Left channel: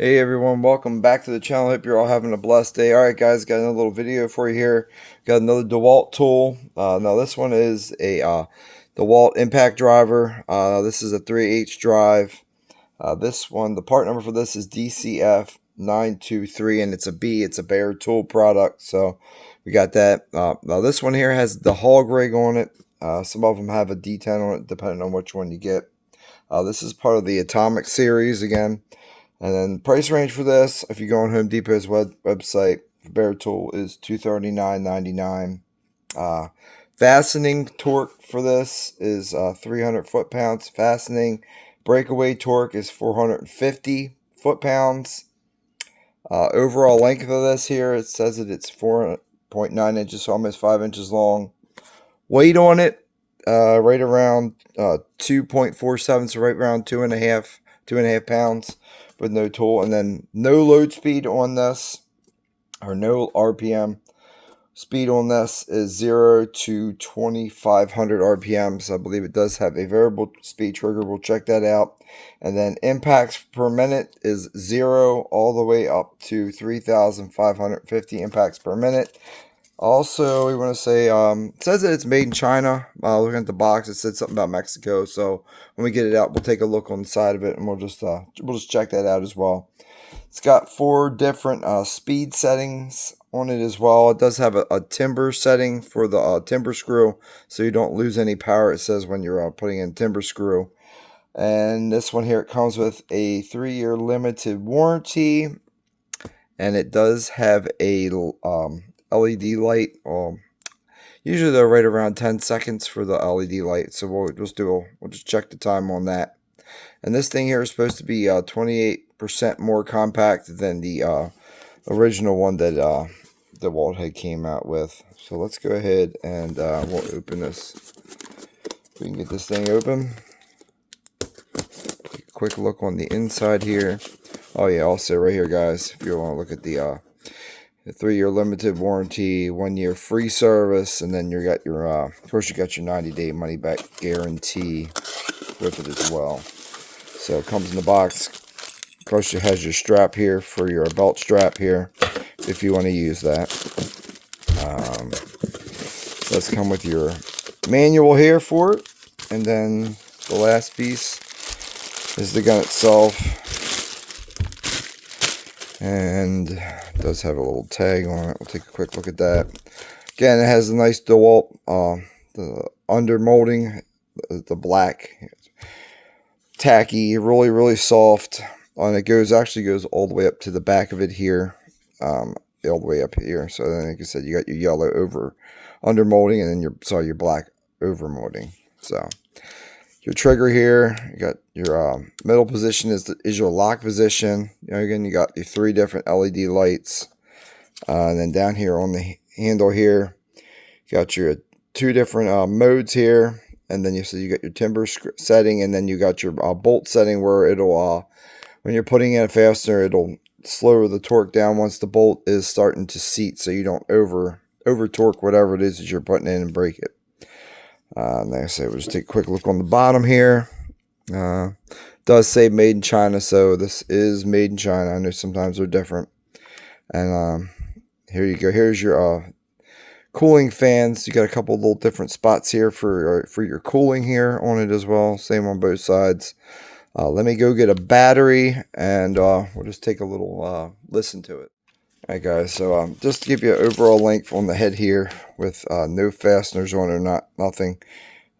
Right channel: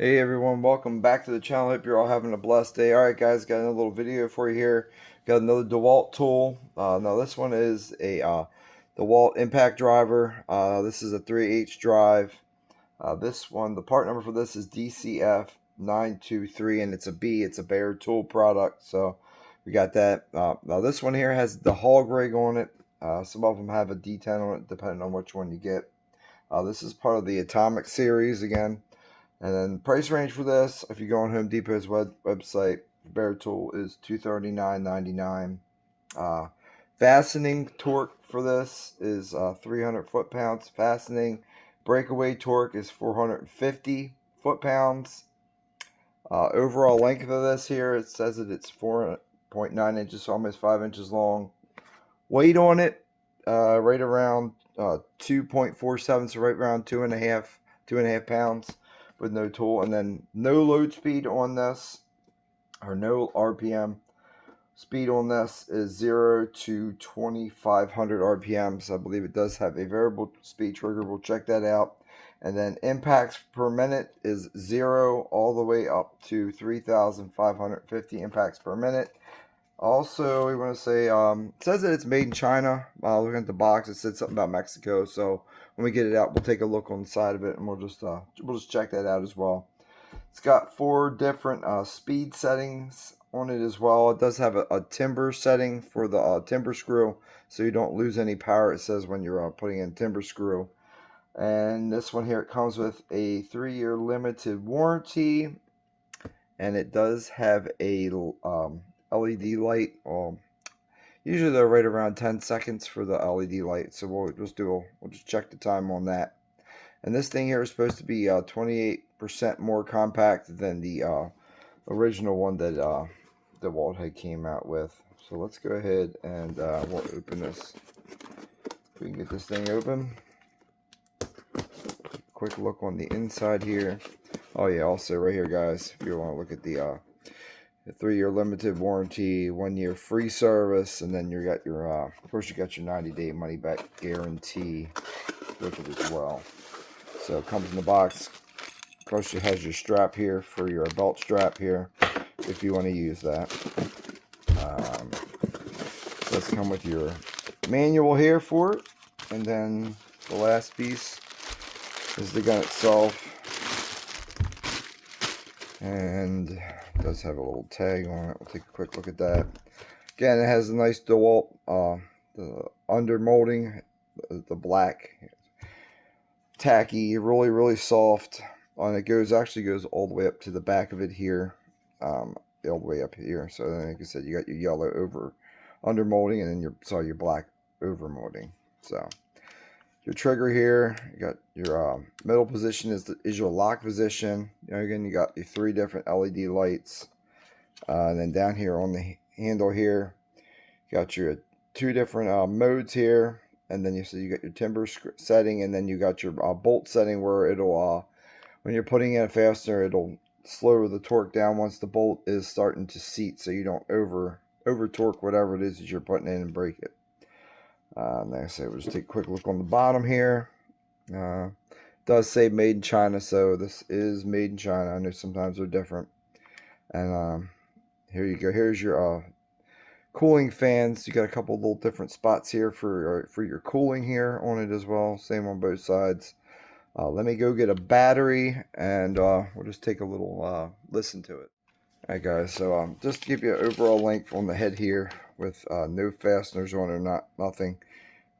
Hey everyone, welcome back to the channel. Hope you're all having a blessed day. Alright guys, got another little video for you here. Got another Dewalt tool. Now this one is a Dewalt impact driver. This is a 3/8 drive. This one, the part number for this is DCF923, and it's a B. It's a Bayer tool product. So we got that. Now this one here has the hog rig on it. Some of them have a D10 on it, depending on which one you get. This is part of the Atomic series again. And then price range for this, if you go on Home Depot's website, Bear Tool is $239.99. Fastening torque for this is 300 foot-pounds. Fastening breakaway torque is 450 foot-pounds. Overall length of this here, it says that it's 4.9 inches, so almost 5 inches long. Weight on it, right around 2.47, so right around 2.5 pounds. With no tool, and then no load speed on this, or no RPM. Speed on this is 0 to 2,500 RPMs. I believe it does have a variable speed trigger. We'll check that out. And then impacts per minute is 0 all the way up to 3,550 impacts per minute. Also, we want to say, it says that it's made in China. Looking at the box, it said something about Mexico. So when we get it out, we'll take a look on the side of it, and we'll just check that out as well. It's got 4 different speed settings on it as well. It does have a timber setting for the timber screw, so you don't lose any power. It says when you're putting in timber screw. And this one here, it comes with a 3-year limited warranty, and it does have a LED light. Usually they're right around 10 seconds for the LED light, so we'll just check the time on that. And this thing here is supposed to be 28% more compact than the original one that Dewalt had came out with. So let's go ahead and we'll open this. We can get this thing open. Take a quick look on the inside here. Oh yeah, also right here, guys, if you want to look at the 3-year limited warranty, 1-year free service, and then you got your of course you got your 90-day money back guarantee with it as well. So it comes in the box. Of course, it has your strap here for your belt strap here if you want to use that. Does come with your manual here for it, and then the last piece is the gun itself. And it does have a little tag on it. We'll take a quick look at that. Again, it has a nice Dewalt the under molding, the black, tacky, really soft. And it actually goes all the way up to the back of it here, all the way up here. So then, like I said, you got your yellow over under molding, and then your black over molding. So your trigger here, you got your middle position is your lock position. Again, you got your 3 different LED lights. And then down here on the handle here, you got your 2 different modes here. And then you got your timber setting, and then you got your bolt setting where it'll, when you're putting in a fastener, it'll slow the torque down once the bolt is starting to seat, so you don't over torque whatever it is that you're putting in and break it. Like I said, we'll just take a quick look on the bottom here. Does say made in China, so this is made in China. I know sometimes they're different. And here you go. Here's your cooling fans. You got a couple little different spots here for your cooling here on it as well. Same on both sides. Let me go get a battery, and we'll just take a little listen to it. Alright guys, so just to give you an overall length on the head here with no fasteners on it, nothing.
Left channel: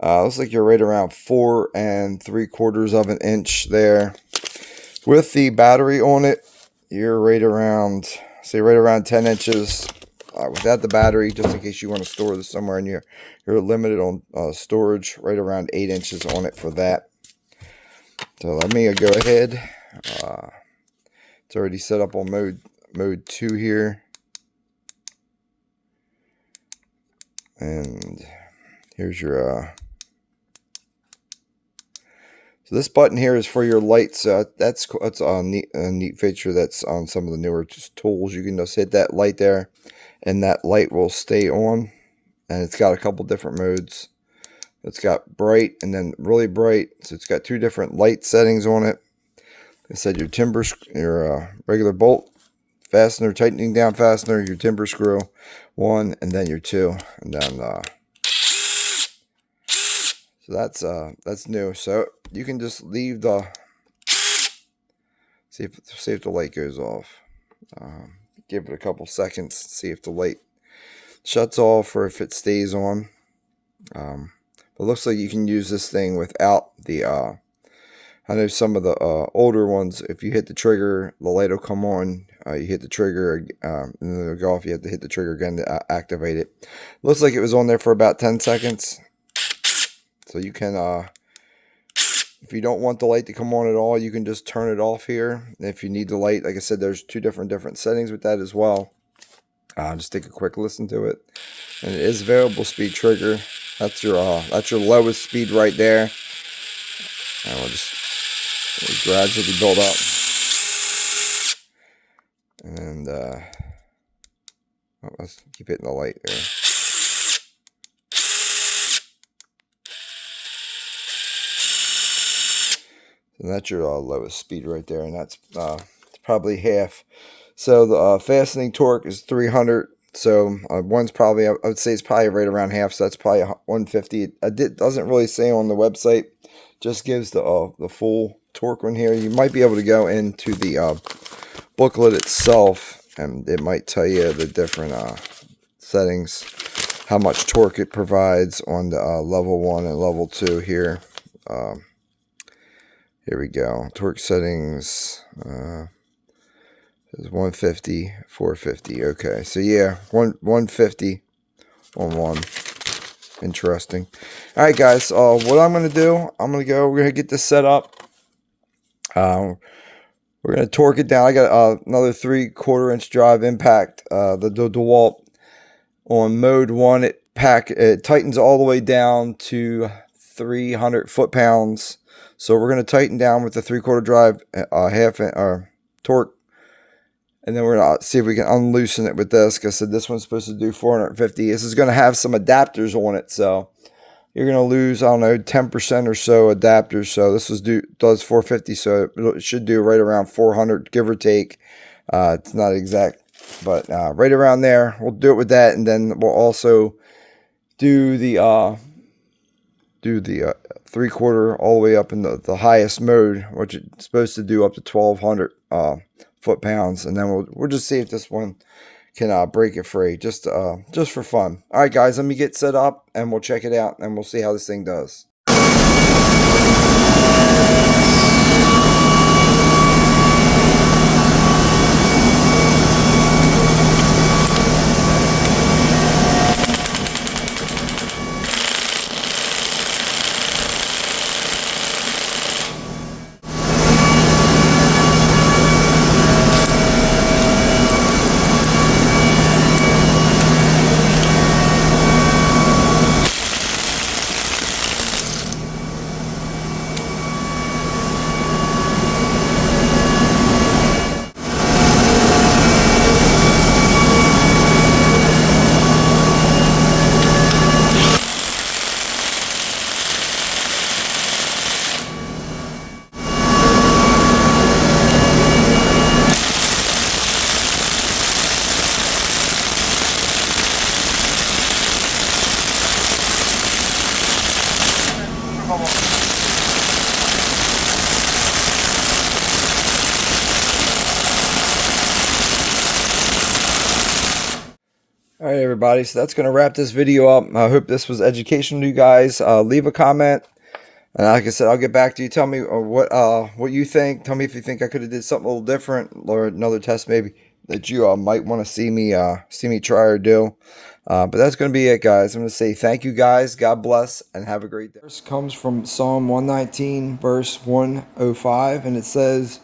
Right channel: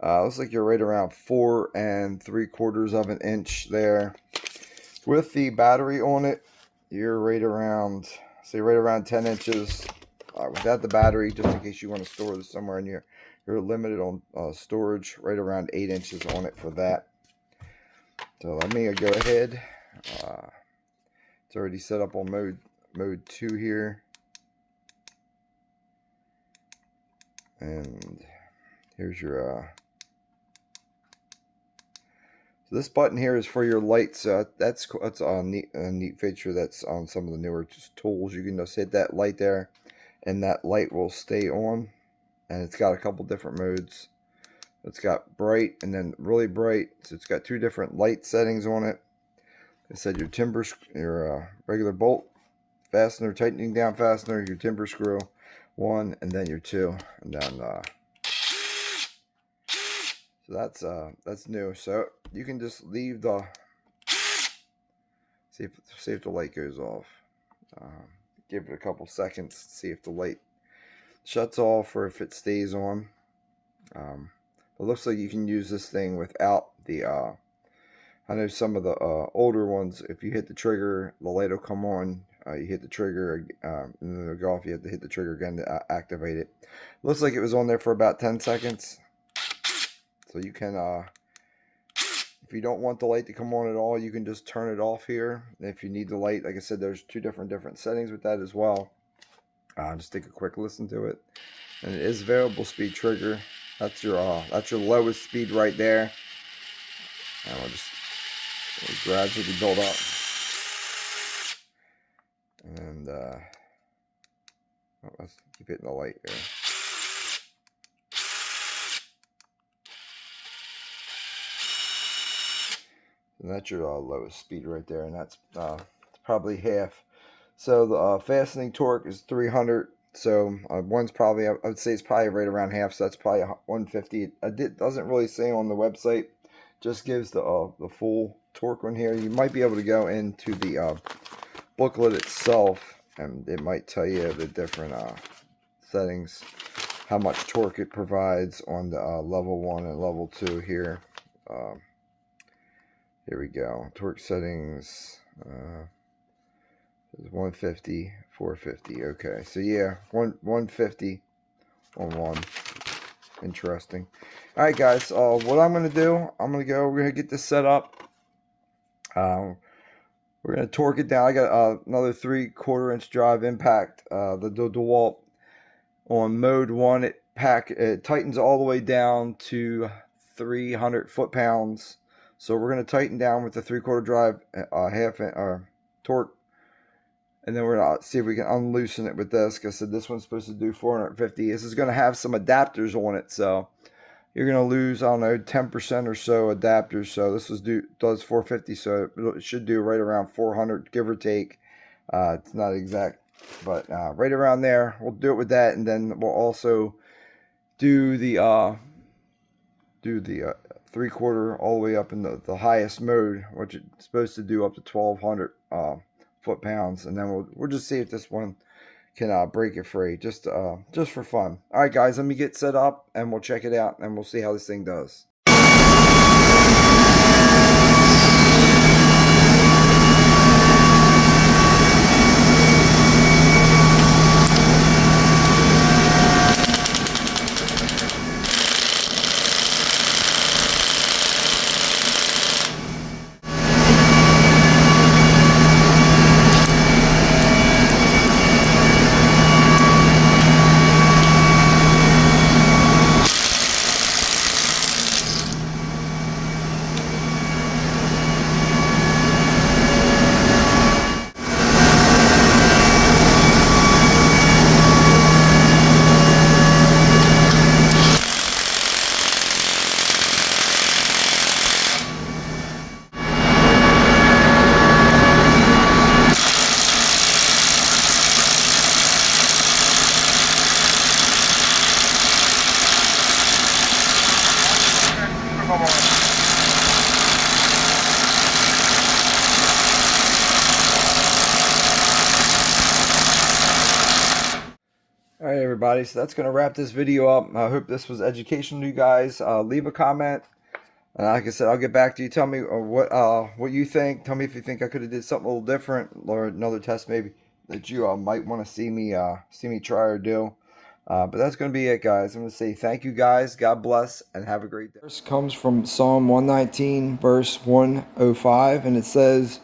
Looks like you're right around 4 3/4 of an inch there. With the battery on it, you're right around 10 inches. Without the battery, just in case you want to store this somewhere, and you're limited on storage, right around 8 inches on it for that. So let me go ahead. It's already set up on mode 2 here, and here's your so this button here is for your lights. That's a neat feature that's on some of the newer tools. You can just hit that light there, and that light will stay on. And it's got a couple different modes. It's got bright and then really bright, so it's got 2 different light settings on it. I said your your regular bolt fastener, tightening down fastener, your timber screw, 1, and then your 2, and then so that's new. So you can just leave the see if the light goes off. Give it a couple seconds, see if the light shuts off or if it stays on. It looks like you can use this thing without the I know some of the older ones, if you hit the trigger, the light will come on. You hit the trigger, and then it'll go off. You have to hit the trigger again to activate it. Looks like it was on there for about 10 seconds. So you can, if you don't want the light to come on at all, you can just turn it off here. And if you need the light, like I said, there's 2 different settings with that as well. Just take a quick listen to it. And it is variable speed trigger. That's your lowest speed right there. And we'll gradually build up. And let's keep hitting the light there. And that's your lowest speed right there, and that's probably half. So the fastening torque is 300. So one's probably, I would say it's probably right around half. So that's probably 150. It doesn't really say on the website. Just gives the full torque on here. You might be able to go into the booklet itself, and it might tell you the different settings, how much torque it provides on the level 1 and level 2 here. Here we go. Torque settings. Is 150, 450. Okay, so yeah, 150 on 1. Interesting. All right, guys. What I'm gonna do, we're gonna get this set up. We're gonna torque it down. I got another 3/4 inch drive impact. The Dewalt on mode 1. It tightens all the way down to 300 foot-pounds. So we're gonna tighten down with the 3/4 drive, torque. And then we're going to see if we can unloosen it with this. Like I said, this one's supposed to do 450. This is going to have some adapters on it. So you're going to lose, I don't know, 10% or so adapters. So this does 450. So it should do right around 400, give or take. It's not exact, but right around there. We'll do it with that. And then we'll also do the 3/4 all the way up in the highest mode, which it's supposed to do up to 1200 foot-pounds, and then we'll just see if this one can break it free, just for fun. All right, guys, let me get set up, and we'll check it out, and we'll see how this thing does. Alright, everybody, so that's going to wrap this video up. I hope this was educational to you guys. Leave a comment, and like I said, I'll get back to you. Tell me what you think. Tell me if you think I could have did something a little different, or another test maybe that you might want to see me try or do. But that's going to be it, guys. I'm going to say thank you, guys. God bless, and have a great day. This comes from Psalm 119, verse 105, and it says,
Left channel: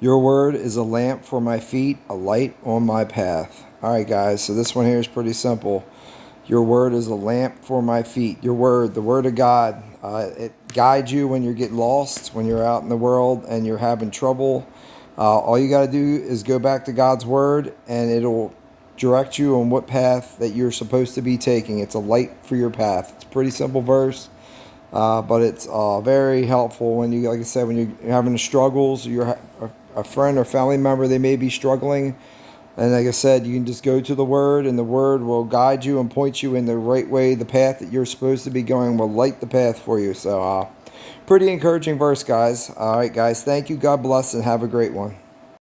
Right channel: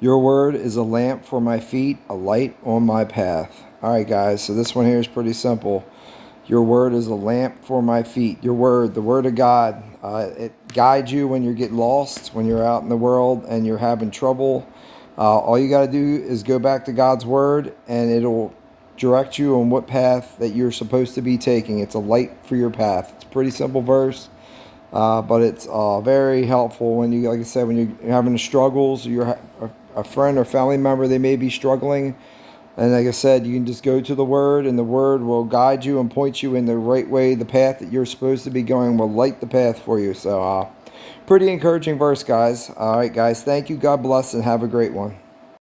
"Your word is a lamp for my feet, a light on my path." All right, guys, so this one here is pretty simple. Your word is a lamp for my feet. Your word, the word of God, it guides you when you get lost, when you're out in the world and you're having trouble. All you got to do is go back to God's word, and it'll direct you on what path that you're supposed to be taking. It's a light for your path. It's a pretty simple verse. But it's very helpful when you, like I said, when you're having struggles, a friend or family member, they may be struggling. And like I said, you can just go to the Word, and the Word will guide you and point you in the right way. The path that you're supposed to be going will light the path for you. So, pretty encouraging verse, guys. All right, guys. Thank you. God bless, and have a great one.